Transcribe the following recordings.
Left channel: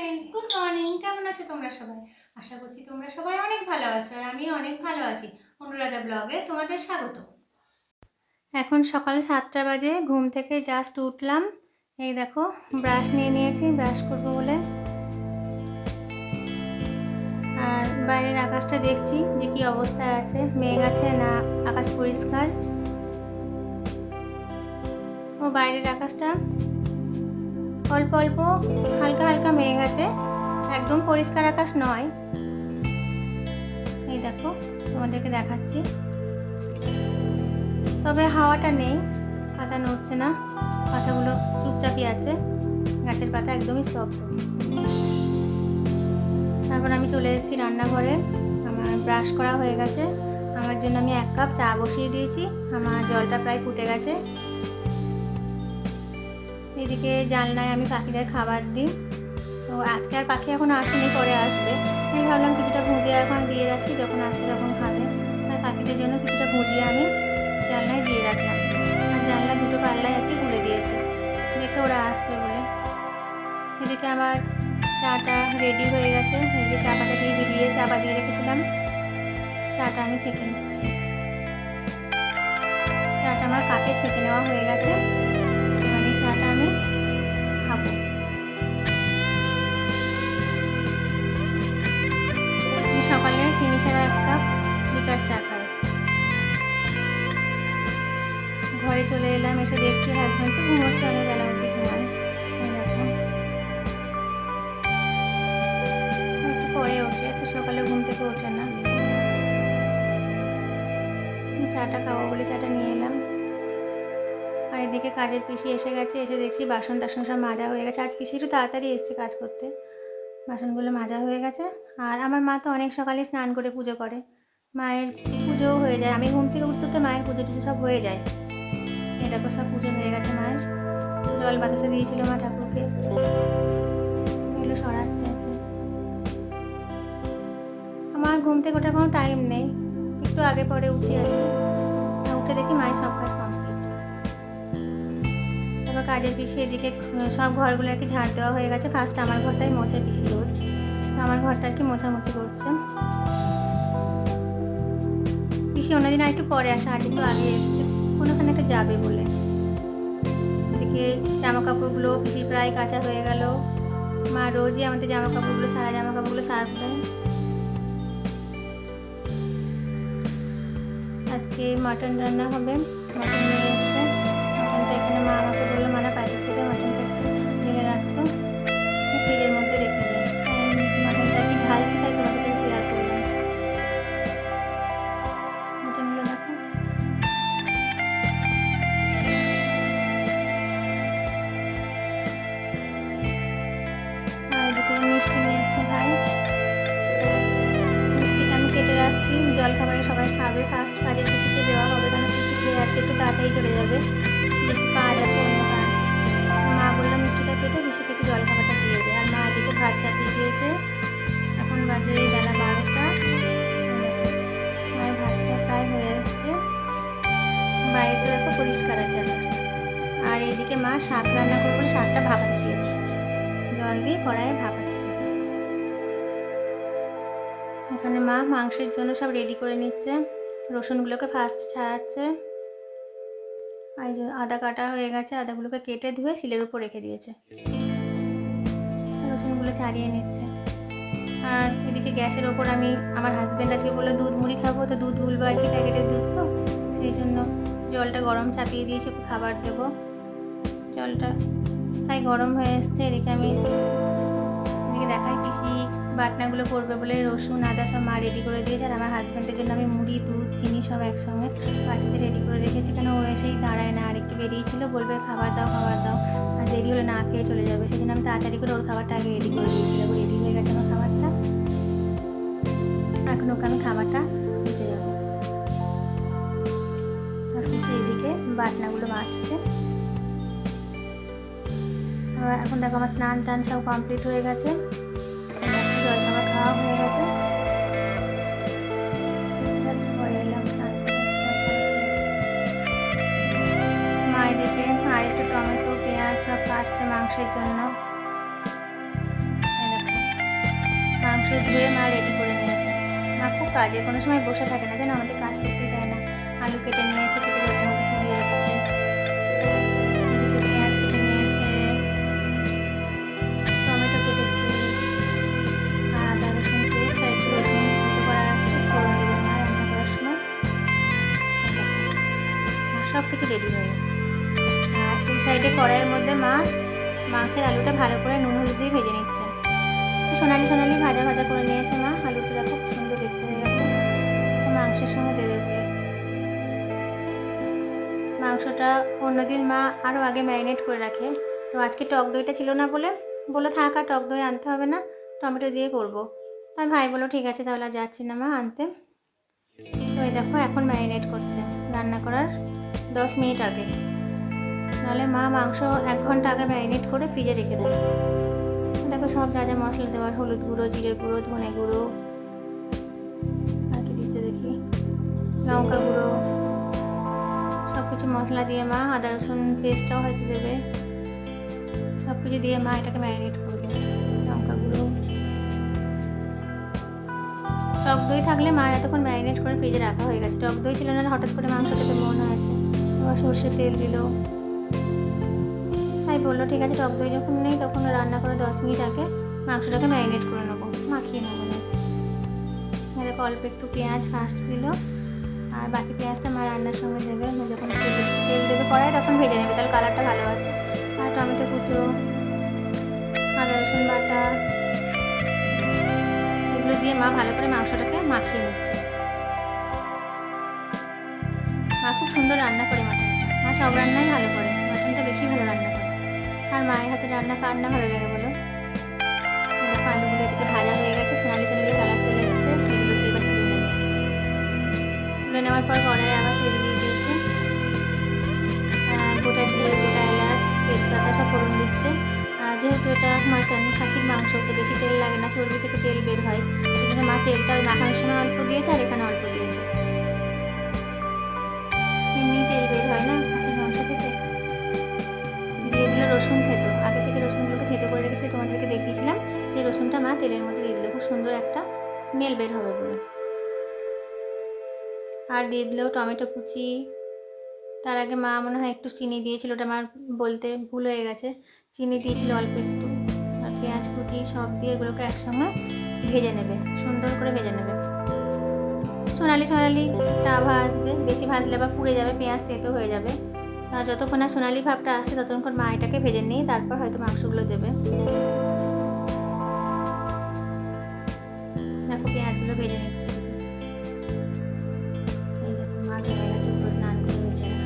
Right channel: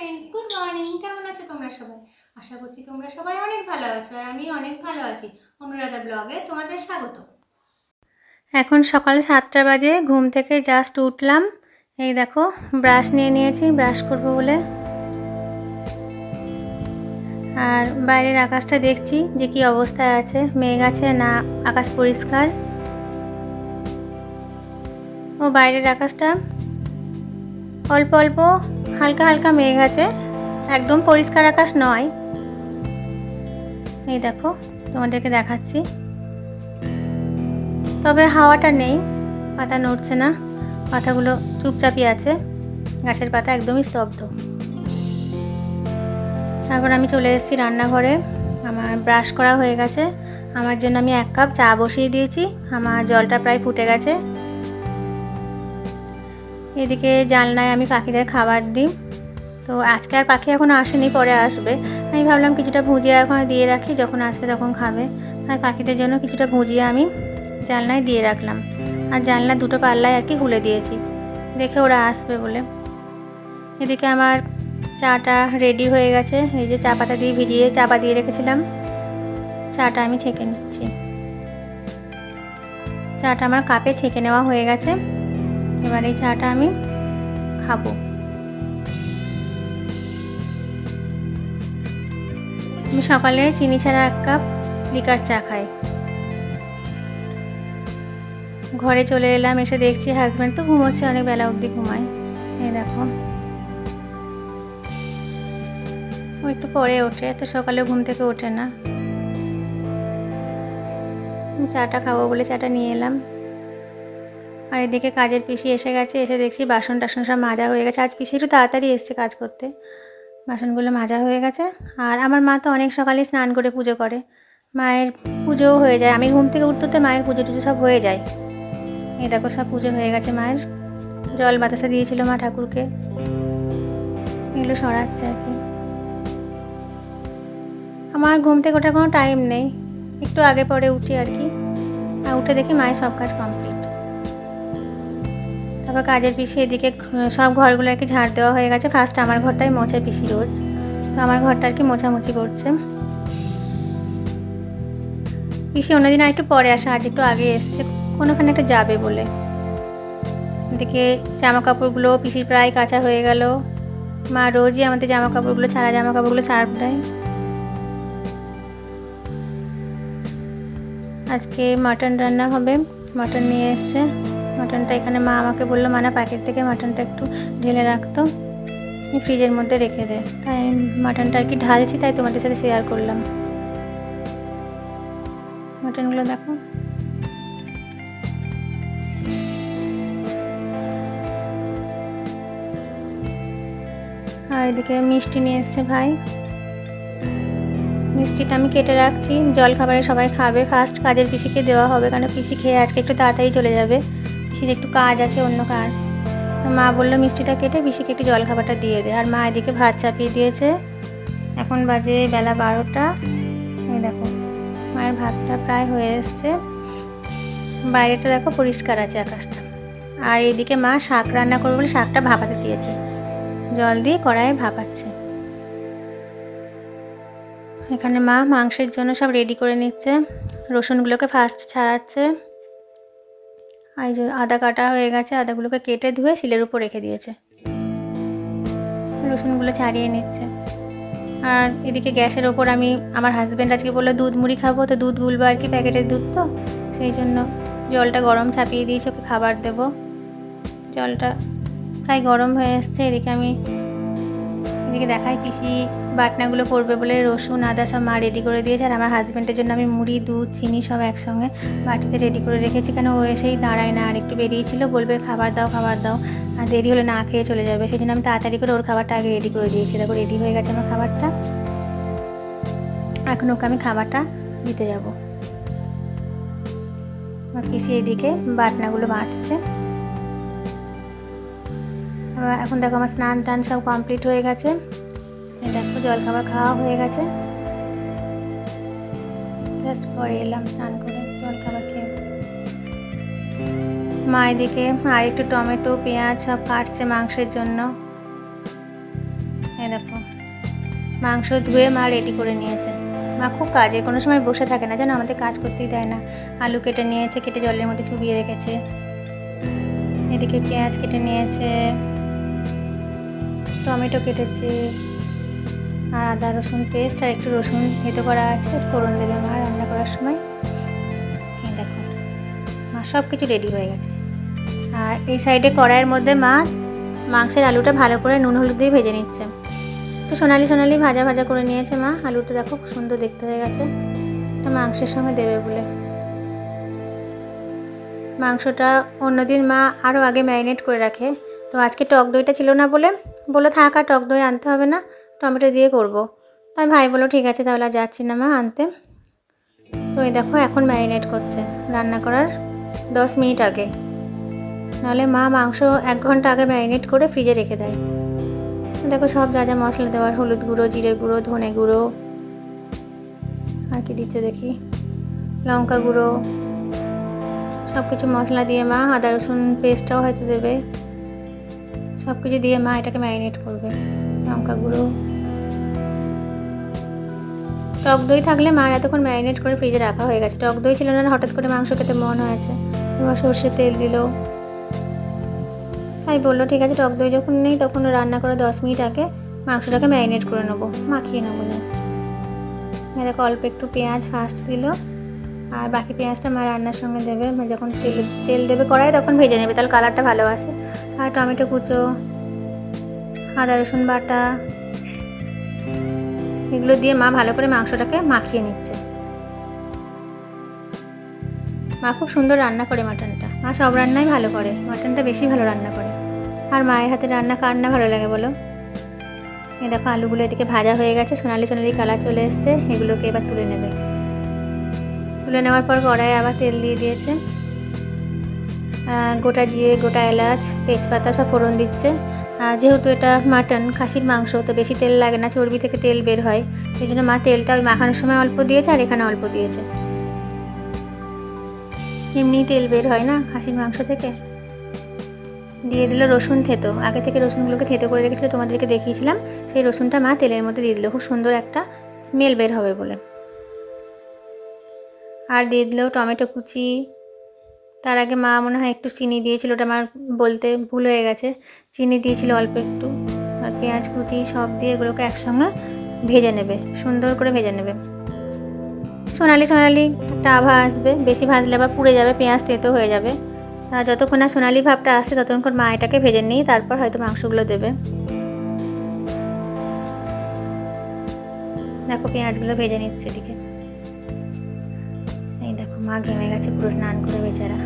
Friends good morning কেমন আছো তোমরা সবাই? আশা করছি তোমরা সবাই অনেক ভালো আছো আর আমি অনেক ভালো আছি। অনুরাধা ব্লগে তোমাদের স্বাগত। এখন সকাল সাতটা বাজে, ঘুম থেকে জাস্ট উঠলাম। এই দেখো ব্রাশ নিয়ে নিয়েছি ব্রাশ করব বলে। আর বাইরের আকাশটা দেখছি যে কি অবস্থায় আছে, মেঘ আছে না আকাশ পরিষ্কার। ও বাইরের আকাশটা অল্প অল্প, হালকা হালকা মেঘ আছে। একদম পরিষ্কার আকাশ নয়। এই দেখো, তোমাদেরকে দেখাচ্ছি। তবে হাওয়াটা নেই, পাতা নড়ছে না, পাতাগুলো চুপচাপই আছে। গাছের পাতা একদমই স্তব্ধ। তারপর আমি চলে এসেছি রান্নাঘরে। আমার ব্রাশ করা হয়ে গেছে। আমার জন্য আমি এক কাপ চা বসিয়ে দিয়েছি। আমার জলটা প্রায় ফুটে গেছে। এদিকে জানলায় আমি পাখিদের খাবার দিই। তো আজকে আর পাখি এখন আসেনি, পরে আসবে। আমি ভাবলাম কিছুটা ভুজিয়া এখন দিয়ে রাখি, যখন আসবে তখন খাবে। আর পাখিদের জন্য কিছুটা ভুজিয়া আমি জানলায় দিয়ে রাখলাম। আর জানলা দুটো পাল্লায় আর কি খুলে দিয়েছি। দেখে ওরা আসবে বলে। এদিকে আমার চাটা রেডি হয়ে গেছে। এই যে চা পাতা দিয়ে ভিজিয়ে চাপা দিয়ে রেখেছিলাম। চাটা আমি ছেঁকে নিচ্ছি। চাটা আমার কাপে ছেঁকে নেওয়া হয়ে গেছে। এবার এই চাটা আমি খাব। আমি সকালে চিনি ছাড়া এক কাপ লিকার চা খাই। ঘরে চলে এলাম, এসে দেখছি হাজব্যান্ড তো ঘুমোচ্ছে, অনেক বেলা অবধি ঘুমায়। দেখো। একটু পরে ওঠে তো সকালে ঘুম থেকে ওঠে না। চাটা খাব বলে চাটা নিয়ে এলাম। আর এদিকে কাজের পিসি এসে গেছে, এসে দেখছি বাসন টাসন সব মাজা হয়ে গেছে। আজ পিসি একটু তাড়াতাড়ি এসছে কাজ করতে। বাসনগুলো মাজা হয়ে গেছে। আর আমার মা তো অনেক সকালে স্নান করে পুজো করে। মায়ের পুজোও হয়ে যায়। আমি ঘুম থেকে উঠতে মায়ের পুজো টুজো সব হয়ে যায়। এই দেখো সব পুজো হয়ে গেছে মায়ের। জল বাতাসা দিয়েছিল মা ঠাকুরকে। এগুলো সরাচ্ছে আর কি। আমার ঘুম থেকে ওঠার কোনো টাইম নেই। একটু আগে পরে উঠি আর কি। উঠে দেখি মায়ের সব কাজ কমপ্লিট তারপর কাজের পিসি এদিকে সব ঘরগুলো আর কি ঝাড় দেওয়া হয়ে গেছে। ফার্স্ট আমার ঘরটাই মোছা পিসি রোজ। তো আমার ঘরটা আর কি মোছামুছি করছে। পিসি অন্যদিন আর একটু পরে আসা, আজ একটু আগে এসছে। কোনোখানে একটা যাবে বলে। এদিকে জামা কাপড়গুলো পিসির প্রায় কাঁচা হয়ে গেল। মা রোজই আমাদের জামা কাপড়গুলো ছাড়া জামা কাপড়গুলো সার্ফ দেয়। আজকে মাটন রান্না হবে। মাটন নিয়ে এসছে। মাটনটা এখানে মা আমাকে বলল মানে প্যাকেট থেকে মাটনটা একটু ঢেলে রাখতো ফ্রিজের মধ্যে রেখে দেয় তাই মাটনটা আর কি ঢালছি, তাই তোমাদের সাথে শেয়ার করলাম। মাটনগুলো দেখো। আর এদিকে মিষ্টি নিয়ে এসছে ভাই। মিষ্টিটা আমি কেটে রাখছি। জল খাবারে সবাই খাবে। ফার্স্ট কাজের পিসিকে দেওয়া হবে কারণ পিসি খেয়ে আজকে একটু তাড়াতাড়ি চলে যাবে। পিসির একটু কাজ আছে, অন্য কাজ। মা বলল, মিষ্টিটা কেটে পিসিকে একটু জল খাবারটা দিয়ে দে। আর মা এদিকে ভাত চাপিয়ে দিয়েছে। এখন বাজে বেলা বারোটা। দেখো, মায়ের ভাতটা প্রায় হয়ে এসছে। বাইরেটা দেখো পরিষ্কার আছে আকাশটা। আর এদিকে মা শাক রান্না করবে বলে শাকটা ভাপাতে দিয়েছে। জল দিয়ে কড়াইয়ে ভাপাচ্ছে। এখানে মা মাংসের জন্য সব রেডি করে নিচ্ছে। রসুনগুলোকে ফার্স্ট ছাড়াচ্ছে। এই যে আদা কাটা হয়ে গেছে, আদাগুলোকে কেটে ধুয়ে শিলের উপর রেখে দিয়েছে। রসুনগুলো ছাড়িয়ে নিচ্ছে। আর এদিকে গ্যাসের ওপর আমি, আমার হাজব্যান্ড আজকে বলল, দুধ মুড়ি খাব, তো দুধ গুলবো আর কি প্যাকেটের দুধ তো? সেই জন্য জলটা গরম ছাপিয়ে দিয়েছে, ওকে খাবার দেবো। জলটা প্রায় গরম হয়ে এসছে, এদিকে আমি এদিকে দেখায়, পিসি বাটনাগুলো করবে বলে রসুন, আদা সব মা রেডি করে দিয়েছে আর আমার হাজব্যান্ডের জন্য আমি মুড়ি, দুধ, চিনি সব একসঙ্গে বাটিতে রেডি করে রেখেছি। কেন ও এসেই দাঁড়ায় না আর একটু বেরিয়েছিল, বলবে, খাবার দাও খাবার দাও। আর দেরি হলে না খেয়ে চলে যাবে। সেই জন্য আমি তাড়াতাড়ি করে ওর খাবারটা আগে রেডি করে দিয়েছি। দেখো রেডি হয়ে গেছে আমার খাবারটা। এখন ওকে আমি খাবারটা দিতে যাব। আর পিসি এদিকে বাটনাগুলো বাটছে। এখন দেখো আমার স্নান টান সব কমপ্লিট হয়ে গেছে। দেখো জল খাবার খাওয়া হয়ে গেছে। জাস্ট পরে এলাম স্নান করে মা এদিকে আর একটু টমেটো, পেঁয়াজ সব কাটছে মাংসের জন্য। দেখো, মাংস ধুয়ে মা রেডি করে নিয়েছে। মা খুব কাজে, কোনো সময় বসে থাকে না যেন আমাদের কাজ করতেই দেয় না। আলু কেটে নিয়েছে, কেটে জলের মধ্যে চুবিয়ে রেখেছে। এদিকে পেঁয়াজ কেটে নিয়েছে। টমেটো কেটেছে আর আদা, রসুন পেস্ট আর একটু রসুন থেতো করা আছে ফোড়ন দেবে মা রান্না করার সময়। মা সব কিছু রেডি হয়ে গেছে। আর এই সাইডে কড়াইয়ের মধ্যে মা মাংসের আলুটা ভালো করে নুন, হলুদ দিয়ে ভেজে নিচ্ছে। তো সোনালি সোনালি ভাজা ভাজা করে নিয়েছে মা। আলুটা দেখো খুব সুন্দর দেখতে হয়ে গেছে। তো মাংসের সঙ্গে দেবে বলে। মাংসটা অন্যদিন মা আরও আগে ম্যারিনেট করে রাখে। তো আজকে টক দইটা ছিল না বলে বলে থাক টক দই আনতে হবে না, টমেটো দিয়ে করব। তাই ভাই বলো ঠিক আছে তাহলে যাচ্ছি না মা আনতে। তো এই দেখো এখন ম্যারিনেট করছে রান্না করার দশ মিনিট আগে। নাহলে মা মাংস এক ঘণ্টা আগে ম্যারিনেট করে ফ্রিজে রেখে দেয়। দেখো সব যা যা মশলা দেওয়ার, হলুদ গুঁড়ো, জিরে গুঁড়ো, ধনে গুঁড়ো, আর কি দিচ্ছে দেখি? লঙ্কা গুঁড়ো সব কিছু মশলা দিয়ে মা আদা রসুন পেস্টটাও হয়তো দেবে। সব কিছু দিয়ে মা এটাকে ম্যারিনেট করবে লঙ্কা গুঁড়ো টক দই থাকলে মার এতক্ষণ ম্যারিনেট করে ফ্রিজে রাখা হয়ে গেছে। টক দই ছিল না, হঠাৎ করে মাংস খেতে মন হয়েছে। এবার সর্ষের তেল দিল। তাই বলল, ঠিক আছে, টক দই যখন নেই তখন রান্না করে দশ মিনিট আগে মাংসটাকে ম্যারিনেট করে নেব। মাখিয়ে নেব জাস্ট দেখো, অল্প একটু পেঁয়াজ ফার্স্ট দিল। আর বাকি পেঁয়াজটা মা রান্নার সঙ্গে দেবে। যখন তেল তেল দেবে কড়াই তখন ভেজে নেবে। তাহলে কালারটা ভালো আসে। আর টমেটো কুচো, আদা রসুন বাটা, এগুলো দিয়ে মা ভালো করে মাংসটাকে মাখিয়ে নিচ্ছে। মা খুব সুন্দর রান্না করে মাটনটা। মা সব রান্নাই ভালো করে, মাটনটা বেশি ভালো রান্না করে। আর মায়ের হাতে রান্না কার না ভালো লাগে বলো? দেখো আলুগুলো এদিকে ভাজা হয়ে গেছে, সোনালি সোনালি কালার চলে এসছে, এগুলোকে এবার তুলে নেবে। তুলে নেওয়ার পর কড়াই আবার তেল দিয়ে দিয়েছে। গোটা জিরে, গোটা এলাচ, তেজপাতা সব ফোড়ন দিচ্ছে। যেহেতু এটা মাটন, খাসির মাংস, তো বেশি তেল লাগে না, চর্বি থেকে তেল বের হয়। সেই জন্য মা তেলটা ওই মাখানোর সময় অল্প দিয়েছে, আর এখানে অল্প দিয়েছে। এমনি তেল বের হয় না খাসির মাংস থেকে। দিয়ে দিল রসুন থেতো। আগে থেকে রসুনগুলোকে থেতো করে রেখেছিল, তোমাদেরকে দেখিয়েছিলাম। সেই রসুনটা মা তেলের মধ্যে দিয়ে দিল। খুব সুন্দর একটা স্মেল বের হবে বলে। আর দিয়ে দিল টমেটো কুচি তার আগে মা মনে হয় একটু চিনি দিয়েছিল, ওটা আমার বলতে ভুল হয়ে গেছে। চিনি দিয়েছিল অল্প একটু। আর পেঁয়াজ, কুচি সব দিয়ে এগুলোকে একসঙ্গে ভেজে নেবে, সুন্দর করে ভেজে নেবে। সোনালি সোনালি আভা আসবে, বেশি ভাজলে আবার পুড়ে যাবে, পেঁয়াজ তেতো হয়ে যাবে। আর যতক্ষণ না সোনালি ভাবটা আসে, ততক্ষণ মা এটাকে ভেজে নিই তারপর হয়তো মাংসগুলো দেবে। দেখো পেঁয়াজগুলো ভেজে নিচ্ছে এদিকে। মা ঘেমে গেছে পুরো স্নান করে বেচারা।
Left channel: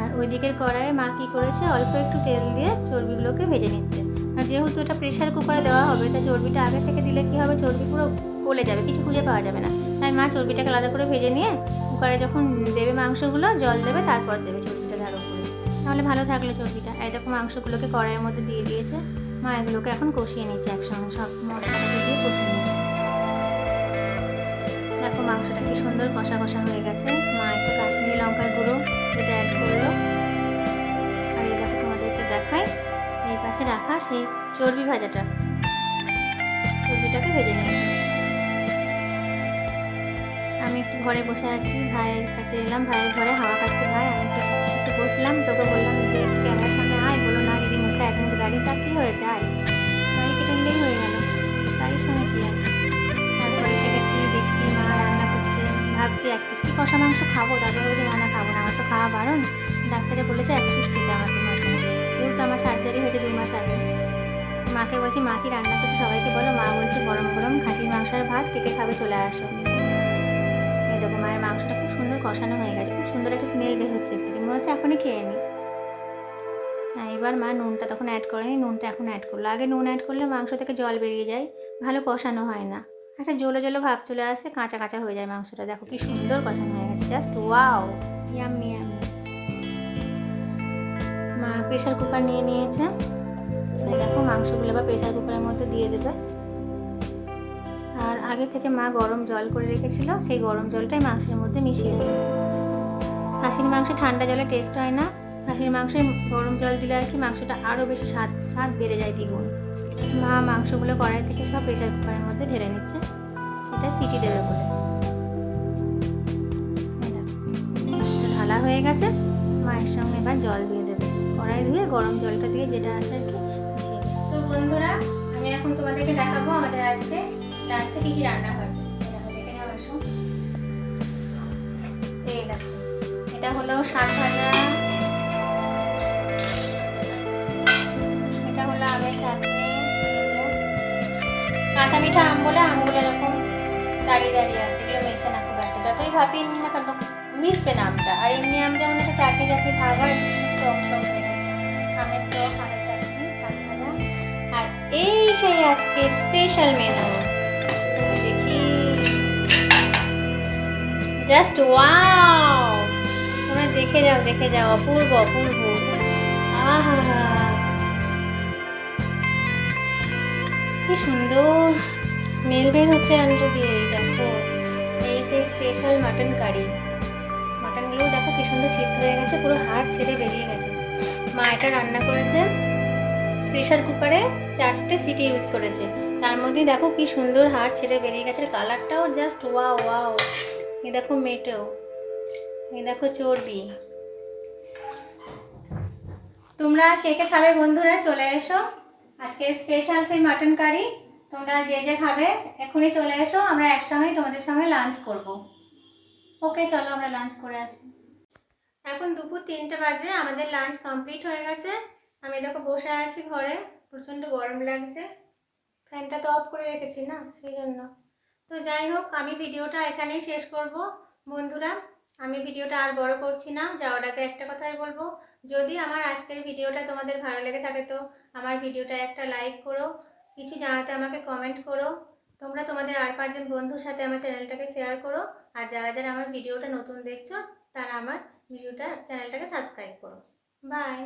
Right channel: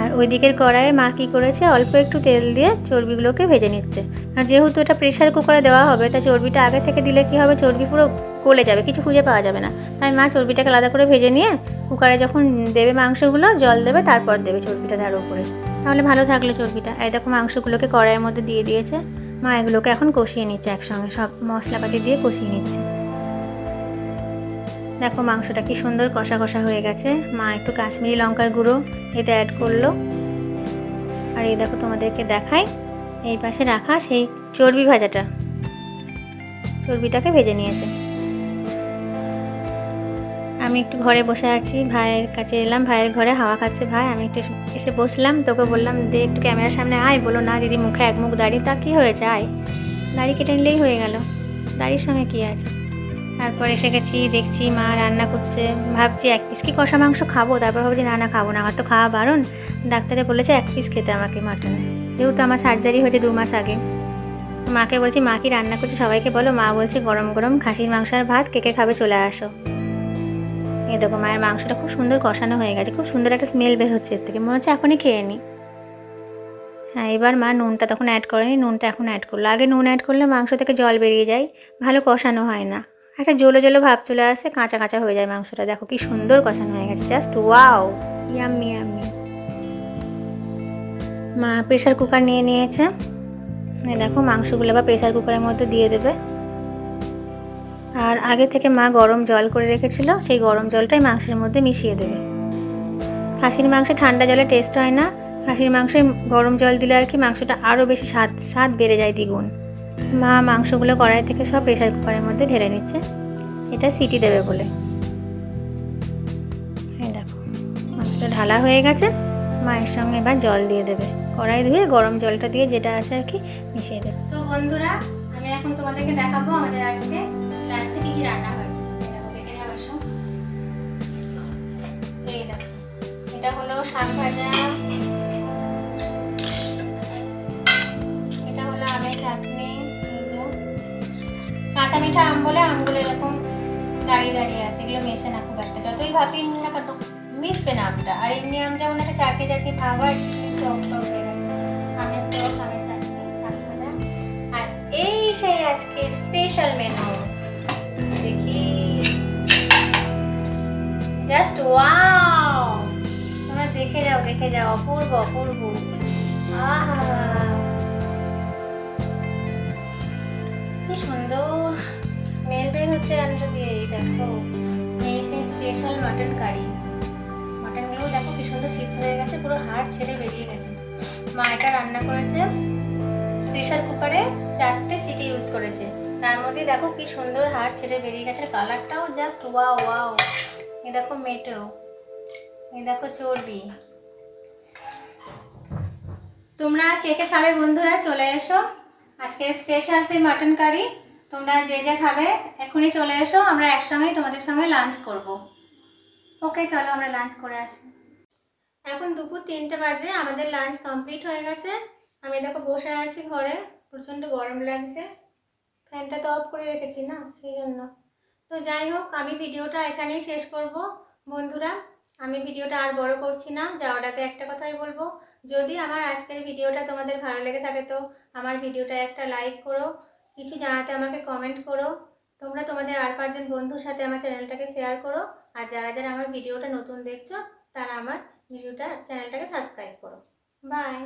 আর ওই দিকের কড়াইয়ে মা কী করেছে, অল্প একটু তেল দিয়ে চর্বিগুলোকে ভেজে নিচ্ছে। আর যেহেতু এটা প্রেশার কুকারে দেওয়া হবে, তা চর্বিটা আগে থেকে দিলে কী হবে? চর্বি পুরো গলে যাবে, কিছু খুঁজে পাওয়া যাবে না। তাই মা চর্বিটাকে আলাদা করে ভেজে নিয়ে কুকারে যখন দেবে মাংসগুলো, জল দেবে, তারপর দেবে চর্বিটা তার উপরে। তাহলে ভালো থাকল চর্বিটা। এই দেখো মাংসগুলোকে কড়াইয়ের মধ্যে দিয়ে দিয়েছে। মা এগুলোকে এখন কষিয়ে নিচ্ছে একসঙ্গে, সব মশলাপাতি দিয়ে কষিয়ে নিচ্ছে। দেখো মাংসটা কি সুন্দর কষা কষা হয়ে গেছে। মা একটু কাশ্মীরি লঙ্কার গুঁড়ো এটা অ্যাড করল। আর এই দেখো তোমাদেরকে দেখাই, এই পাশে রাখা সেই চর্বি ভাজাটা। চর্বিটাকে ভেজে নিয়েছে। আমি একটু ঘরে বসে আছি, ভাইয়ের কাছে এলাম, ভাইয়ের ঘরে হাওয়া খাচ্ছে ভাই। আমি একটু এসে বসলাম, তোকে বললাম যে একটু ক্যামেরার সামনে আয়, বলো না দিদি মুখে এক মুখ দাড়ি, তা কী হয়েছে? আয়। দাড়ি কেটে নিলেই হয়ে গেল। দাড়ির সঙ্গে কী আছে? তারপর এসে গেছি, দেখছি মা রান্না করছে। ভাবছি এক পিস কি কষা মাংস খাব? তারপর ভাবছি, না না, খাব না, আমার তো খাওয়া বারণ। ডাক্তারে বলেছে, এক পিস খেতে আমাকে মাটন যেহেতু আমার সার্জারি হয়েছে দু মাস আগে। মাকে বলছি, মা কি রান্না করছে? সবাইকে বলো। মা বলছে, গরম গরম খাসির মাংস আর ভাত, কে কে খাবে চলে আসো। এই দেখো, মায়ের মাংসটা খুব সুন্দর কষানো হয়ে গেছে। খুব সুন্দর একটা স্মেল বের হচ্ছে এর থেকে। মনে হচ্ছে এখনই খেয়ে নিই হ্যাঁ এবার মা নুনটা তখন অ্যাড করেনি, নুনটা এখন অ্যাড করল। আগে নুন অ্যাড করলে মাংস থেকে জল বেরিয়ে যায়। ভালো কষানো হয় না। একটা জলো জলো ভাব চলে আসে, কাঁচা কাঁচা হয়ে যায় মাংসটা। দেখো কি সুন্দর কষানো হয়ে গেছে জাস্ট ওয়াও ইয়াম্মি ইয়াম্মি মা প্রেশার কুকার নিয়ে নিয়েছে। দেখো মাংসগুলো আবার প্রেশার কুকারের মধ্যে দিয়ে দেবে। আর আগে থেকে মা গরম জল করে রেখেছিল, সেই গরম জলটাই মাংসের মধ্যে মিশিয়ে দেবে। খাসির মাংসে ঠান্ডা জলে টেস্ট হয় না। খাসির মাংসে গরম জল দিলে আর কি মাংসটা আরও বেশি স্বাদ স্বাদ বেড়ে যায় দ্বিগুণ। মা মাংসগুলো কড়াই থেকে সব প্রেশার কুকারের মধ্যে ঢেলে নিচ্ছে। এটা সিটি দেবে বলে। এই দেখো মাছটা ঢালা হয়ে গেছে। মায়ের সঙ্গে এবার জল দিয়ে দেবে। কড়াই ধুয়ে গরম জলটা দিয়ে যেটা আছে আর কি মিশিয়ে দেবে। তো বন্ধুরা, আমি এখন তোমাদেরকে দেখাবো আমাদের আজকে রাত্রে কী কী রান্না হয়েছে। এই এটা হলো শাক কাঁচা মিঠা আম বলে আমগুলো এরকম দাঁড়িয়ে দাঁড়িয়ে আছে, এগুলো মেশে না খুব একটা। যতই ভাবি না কেন, মিশবে না আমটা। আর এমনি আম যেমন একটা শাক ভাজা। আর এই সেই আজকের স্পেশাল মেনু দেখি। জাস্ট ওয়াও তোমরা দেখে যাও দেখে যাও। অপূর্ব অপূর্ব। আহা! কি সুন্দর স্মেল বের হচ্ছে রান্নাটা দিয়ে এই দেখো, এই সেই স্পেশাল মাটন কারি মাটনগুলো দেখো কি সুন্দর সিদ্ধ হয়ে গেছে, পুরো হাড় ছেড়ে বেরিয়ে গেছে। মা এটা রান্না করেছে প্রেশার কুকারে চারটে সিটি ইউজ করেছে। তার মধ্যে দেখো কি সুন্দর হাড় ছেড়ে বেরিয়ে গেছে কালারটাও জাস্ট ওয়াও ওয়াও এই দেখো মেটেও এই দেখো চর্বি। তোমরা কে কে খাবে বন্ধুরা, চলে এসো। আজকে স্পেশাল সেই মাটন কারি তোমরা যে যে খাবে, এখনই চলে এসো, আমরা একসঙ্গেই তোমাদের সঙ্গে লাঞ্চ করব। ওকে চলো আমরা লাঞ্চ করে আসি। এখন দুপুর তিনটে বাজে, আমাদের লাঞ্চ কমপ্লিট হয়ে গেছে। আমি দেখো বসে আছি ঘরে, প্রচণ্ড গরম লাগছে। ফ্যানটা তো অফ করে রেখেছি না, সেই জন্য। তো যাই হোক, আমি ভিডিওটা এখানেই শেষ করব। বন্ধুরা, আমি ভিডিওটা আর বড় করছি না যাওয়ার আগে একটা কথাই বলব। যদি আমার আজকের ভিডিওটা তোমাদের ভালো লেগে থাকে তো আমার ভিডিওটা একটা লাইক করো, কিছু জানাতে আমাকে কমেন্ট করো। তোমরা তোমাদের আর পাঁচজন বন্ধুর সাথে আমার চ্যানেলটাকে শেয়ার করো, আর যারা যারা আমার ভিডিওটা নতুন দেখছ, তারা আমার ভিডিওটা চ্যানেলটাকে সাবস্ক্রাইব করো। বাই